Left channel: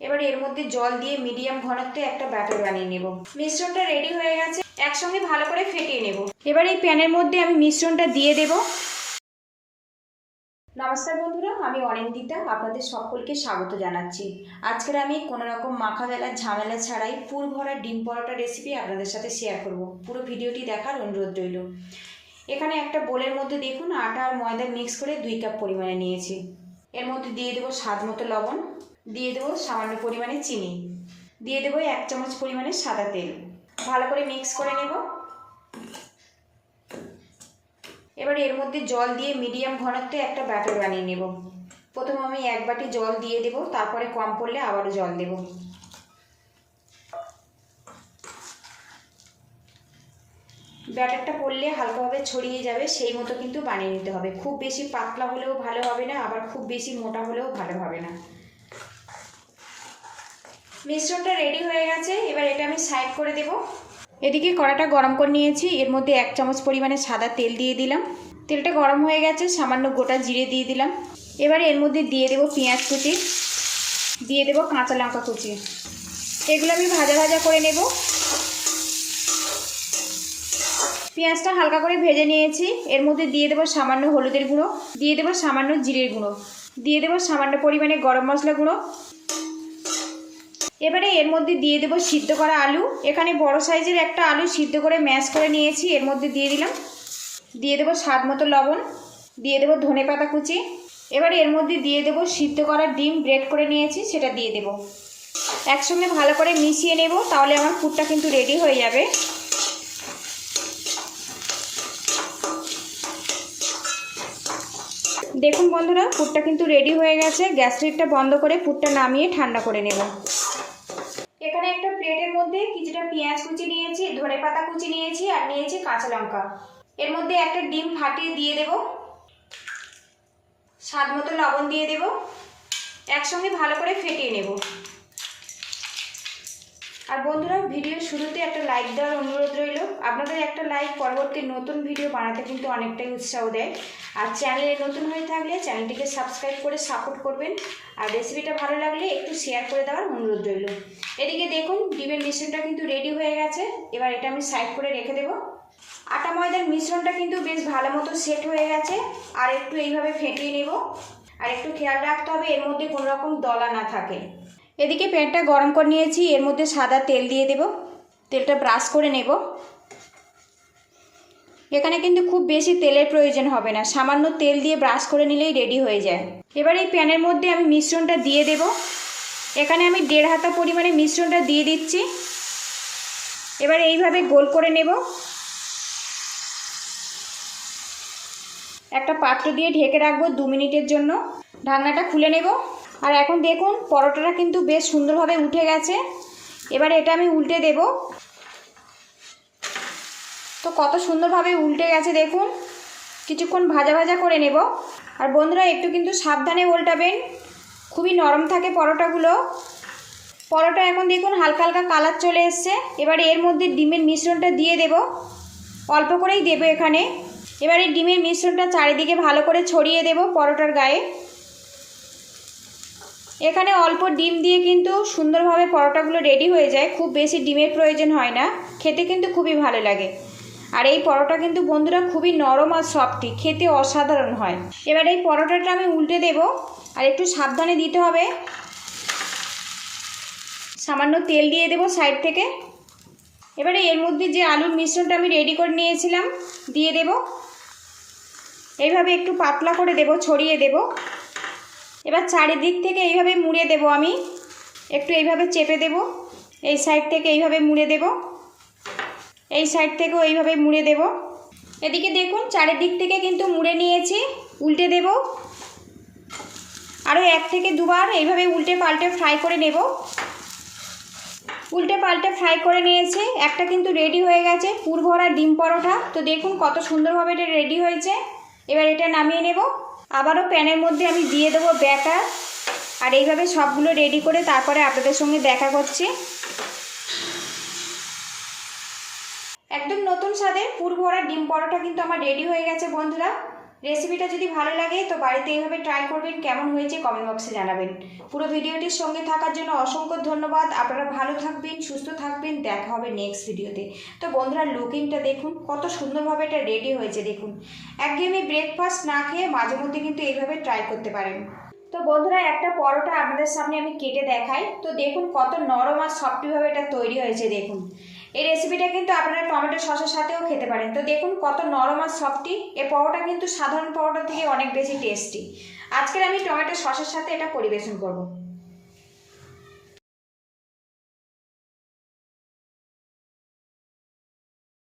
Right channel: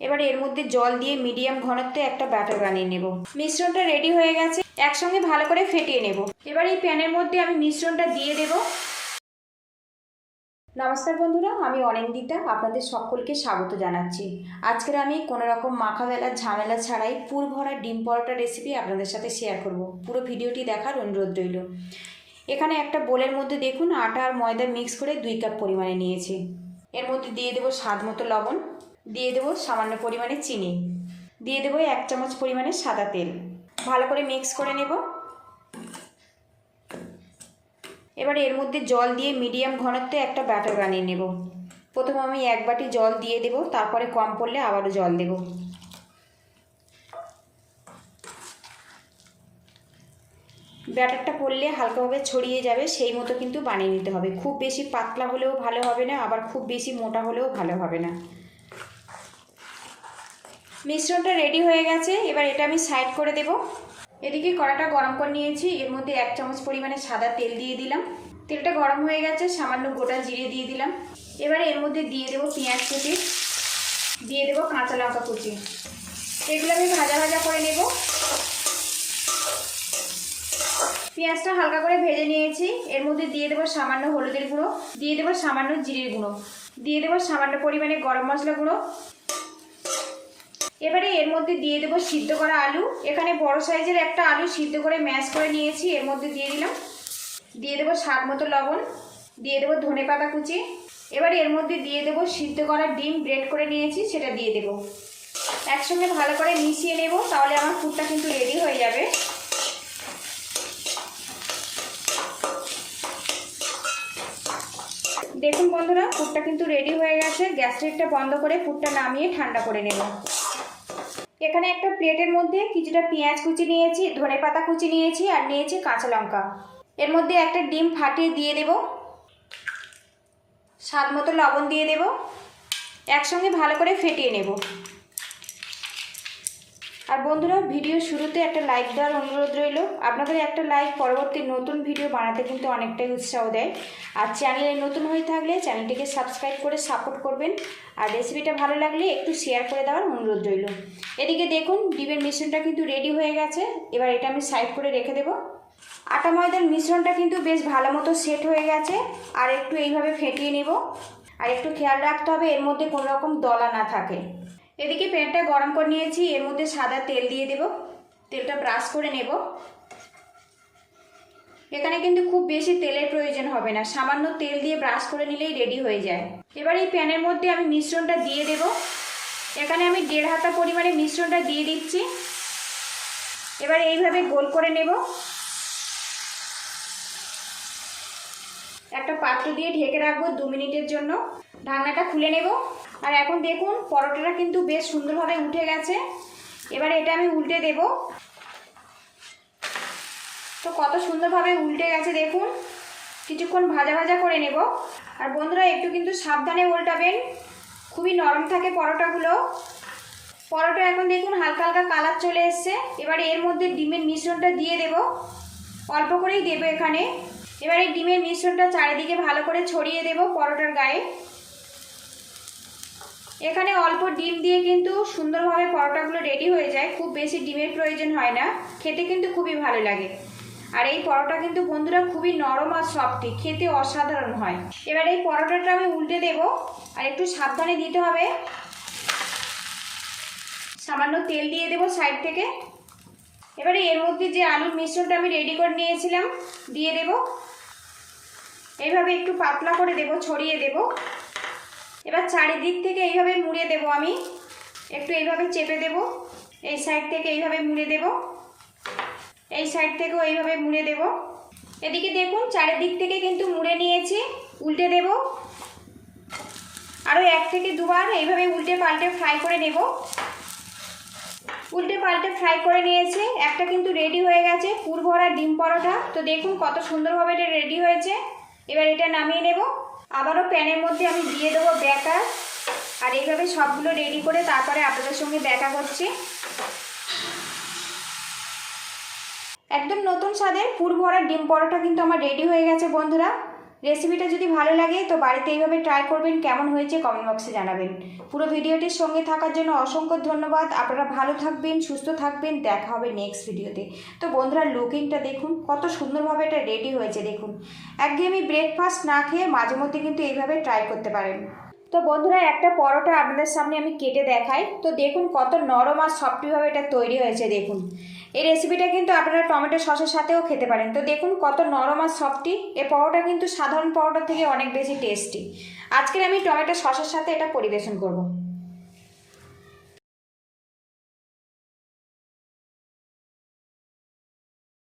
এবার এর মধ্যে জল দিয়ে মিডিয়াম ঘনত্বে একটা ব্যাটার বানিয়ে নেব। মিশ্রণটা রেডি হয়ে গেছে, একসঙ্গে ভালো করে ফেটিয়ে নেব। এবার এই প্যানের মধ্যে আমি মিশ্রণটা দিয়ে দেব। নমস্কার বন্ধুরা, আমি অনিন্দিতা, আপনাদের সকলকে স্বাগত জানাচ্ছি। আজকের আমি কোনো রকম মাখা বেলার ঝামেলা ছাড়াই পুর ভরা ডিম পরোটা রেসিপি আপনাদের সাথে শেয়ার করব। পুরো ভিডিওটি দেখার অনুরোধ রইল। এখানে একটা বোলের মধ্যে দেখুন আটা আর ময়দা মিক্স করে 2 কাপ পরিমাণে নিয়েছি। এর মধ্যে দিয়ে দেবো স্বাদ মতো লবণ, দিয়ে দেবো সামান্য পরিমাণে চিনি, দিয়ে দেবো 1 চামচ পরিমাণে সাদা তেল। ভালো করে মিক্স করে নেব। এবার এর মধ্যে জল দিয়ে মিডিয়াম ঘনত্বে একটা ব্যাটার বানিয়ে নেব। প্রথমে আমি 1 বাটি জল দিয়ে দেব, তারপরে কম পড়লে আবারও জল দেব। ব্যাটারটা পড়লে হালকাভাবে ছড়িয়ে যাবে, সেই মতো কিন্তু বানিয়ে নিতে হবে। খুব বেশি পাতলা হলেও ভালো হবে না, আবার খুব বেশি মোটা হলেও ভালো হবে না। মিশ্রণটা রেডি হয়ে গেছে, এবার এটা আমি সাইড করে দেব। এদিকে কড়াটা গরম করে নিয়েছি, এর মধ্যে 1 চামচ পরিমাণে সাদা তেল দিয়ে দিলাম। তেলটা গরম হয়ে গেছে, সামান্য গোটা জিরে দিয়ে দিলাম। এবারে এর মধ্যে দিয়ে দেব পেঁয়াজ কুচি, দিয়ে দেব কাঁচা লঙ্কা কুচি। এগুলো আমি ভাজা ভাজা করে নেব। পেঁয়াজটা হালকা করে ভেজে নিয়েছি, এর মধ্যে দিয়ে দেবো সামান্য হলুদের গুঁড়ো, দিয়ে দেবো সামান্য জিরের গুঁড়ো, দিয়ে দেবো সামান্য পরিমাণে গরম মশলা গুঁড়ো। এবারে এর মধ্যে দিয়ে দেবো সিদ্ধ করা আলু। এখানে বড় সাইজের একটা আলু সিদ্ধ করে ম্যাশ করে নিয়েছি, এর মধ্যে দিয়ে দিলাম। দিয়ে দেবো স্বাদ মতো লবণ, দিয়ে দেবো ধনেপাতা কুচি। এবারে এর মধ্যে দিয়ে দেবো সিদ্ধ করা ডিম ব্রেড করে নিয়েছি, সেটা দিয়ে দেবো। একসঙ্গে ভালো করে মিশিয়ে নেব, তাহলে আমার পুরটা কিন্তু রেডি হয়ে যাবে। দেখুন বন্ধুরা, পুরটা কিন্তু রেডি হয়ে গেছে। গ্যাস লাইটটা বন্ধ করে পুরটা নামিয়ে ঠান্ডা করে নেব। এখানে একটা প্লেটের মধ্যে কিছুটা পেঁয়াজ কুচি নিয়েছি, ধনেপাতা কুচি নিয়েছি, আর নিয়েছি কাঁচা লঙ্কা। এর মধ্যে একটা ডিম ফাটিয়ে দিয়ে দেব, স্বাদ মতো লবণ দিয়ে দেব। একসঙ্গে ভালো করে ফেটিয়ে নেব। আর বন্ধুরা, ভিডিও শুরুতে একটা লাইক দেওয়ার অনুরোধ রইল। আপনাদের একটা লাইক পরবর্তী নতুন ভিডিও বানাতে কিন্তু অনেকটাই উৎসাহ দেয়। আর চ্যানেলে নতুন হয়ে থাকলে চ্যানেলটিকে সাবস্ক্রাইব করে সাপোর্ট করবেন। আর রেসিপিটা ভালো লাগলে একটু শেয়ার করে দেওয়ার অনুরোধ রইল। এদিকে দেখুন ডিমের মিশ্রণটা কিন্তু রেডি হয়ে গেছে। এবার এটা আমি সাইড করে রেখে দেব। আটা ময়দার মিশ্রণটা কিন্তু বেশ ভালো মতো সেট হয়ে গেছে। আর একটু এইভাবে ফেটিয়ে নেব। আর একটু খেয়াল রাখতে হবে এর মধ্যে কোনো রকম দলা না থাকে। এদিকে প্যানটা গরম করে নিয়েছি, এর মধ্যে সাদা তেল দিয়ে দেব। তেলটা ব্রাশ করে নেব। এখানে কিন্তু খুব বেশি তেলের প্রয়োজন হবে না, সামান্য তেল দিয়ে ব্রাশ করে নিলেই রেডি হয়ে যায়। এবার এই প্যানের মধ্যে আমি মিশ্রণটা দিয়ে দেব। এখানে আমি 1.5 হাতা পরিমাণে মিশ্রণটা দিয়ে দিচ্ছি। এবার এইভাবে গোল করে নেব। একটা পাত্র দিয়ে ঢেকে রাখবো 2 মিনিটের জন্য। ঢাকনাটা খুলে নেব। আর এখন দেখুন পরোটাটা কিন্তু বেশ সুন্দরভাবে উঠে গেছে। এবার এটা আমি উল্টে দেব। তো কত সুন্দরভাবে উল্টে গেছে দেখুন। কিছুক্ষণ ভাজা ভাজা করে নেব। আর বন্ধুরা, একটু কিন্তু সাবধানে উল্টাবেন, খুবই নরম থাকে পরোটাগুলো। পরোটা এখন দেখুন হালকা হালকা কালার চলে এসছে। এবার এর মধ্যে ডিমের মিশ্রণটা দিয়ে দেব, অল্প করেই দেব এখানে। এবার এই ডিমের মিশ্রণটা চারিদিকে ভালো করে ছড়িয়ে দেব পরোটার গায়ে। এখানে অল্প ডিম দিয়ে কিন্তু সুন্দরভাবে পরোটাগুলো রেডি হয়ে যায়, খুব বেশি ডিমের প্রয়োজন হয় না। খেতে কিন্তু খুবই ভালো লাগে। আর এই পরোটা কিন্তু বন্ধুরা খুবই নরম আর সফটি, খেতে অসাধারণ হয়। এবার এই পরোটাটা আমি উল্টে দেব। আর একটু সাবধানে দিতে হবে। সামান্য তেল দিয়ে দেব সাইড থেকে। এবারে এর মধ্যে যে আলুর মিশ্রণটা আমি রেডি করে নিয়েছিলাম দিয়ে দেব। এইভাবে একটু পাতলা করে দেব, ছড়িয়ে দেব। এবার চারিদিক থেকে এইভাবে মুড়ে দেব। আমি একটু এইভাবে চেপে দেব। এই সাইড থেকে এইভাবে মুড়ে দেব, এই সাইড থেকেও এইভাবে মুড়ে দেব। এদিকে দেখুন চারিদিক থেকে কিন্তু মুড়ে নিয়েছি। উল্টে দেব। আরও 1 থেকে 2 বার এইভাবে উল্টে পাল্টে ফ্রাই করে নেব। উল্টে পাল্টে ফ্রাই করে নিয়েছি। একটা কিন্তু রেডি হয়ে গেছে পুর ভরা ডিম পরোটা। তো দেখুন কত সুন্দরভাবে এটা রেডি হয়েছে। এবার এটা নামিয়ে নেব। আবারও প্যানের মধ্যে আমি দিয়ে দেবো ব্যাটার। আর এইভাবে সবগুলো রেডি করে তারপরে আপনাদের সঙ্গে দেখা করছি। একদম নতুন স্বাদের পুর ভরা ডিম পরোটা কিন্তু আমার রেডি হয়ে গেছে বন্ধুরা। রেসিপিটা যদি ভালো লাগে তো বাড়িতে এইভাবে ট্রাই করবেন, কেমন হয়েছে কমেন্ট বক্সে জানাবেন। পুরো ভিডিওটির সঙ্গে থাকার জন্য অসংখ্য ধন্যবাদ। আপনারা ভালো থাকবেন, সুস্থ থাকবেন, দেখা হবে নেক্সট ভিডিওতে। তো বন্ধুরা লুকিংটা দেখুন, কত সুন্দরভাবে এটা রেডি হয়েছে দেখুন। একদমই ব্রেকফাস্ট না খেয়ে মাঝে মধ্যে কিন্তু এইভাবে ট্রাই করতে পারেন। তো বন্ধুরা একটা পরোটা আপনাদের সামনে আমি কেটে দেখাই। তো দেখুন কত নরম আর সফটভাবে এটা তৈরি হয়েছে দেখুন। এই রেসিপিটা কিন্তু আপনারা টমেটো সসের সাথেও খেতে পারেন। তো দেখুন কত নরম আর সফটি। এই পরোটা কিন্তু সাধারণ পরোটার থেকে অনেক বেশি টেস্টি। আজকের আমি টমেটো সসের সাথে এটা পরিবেশন করব।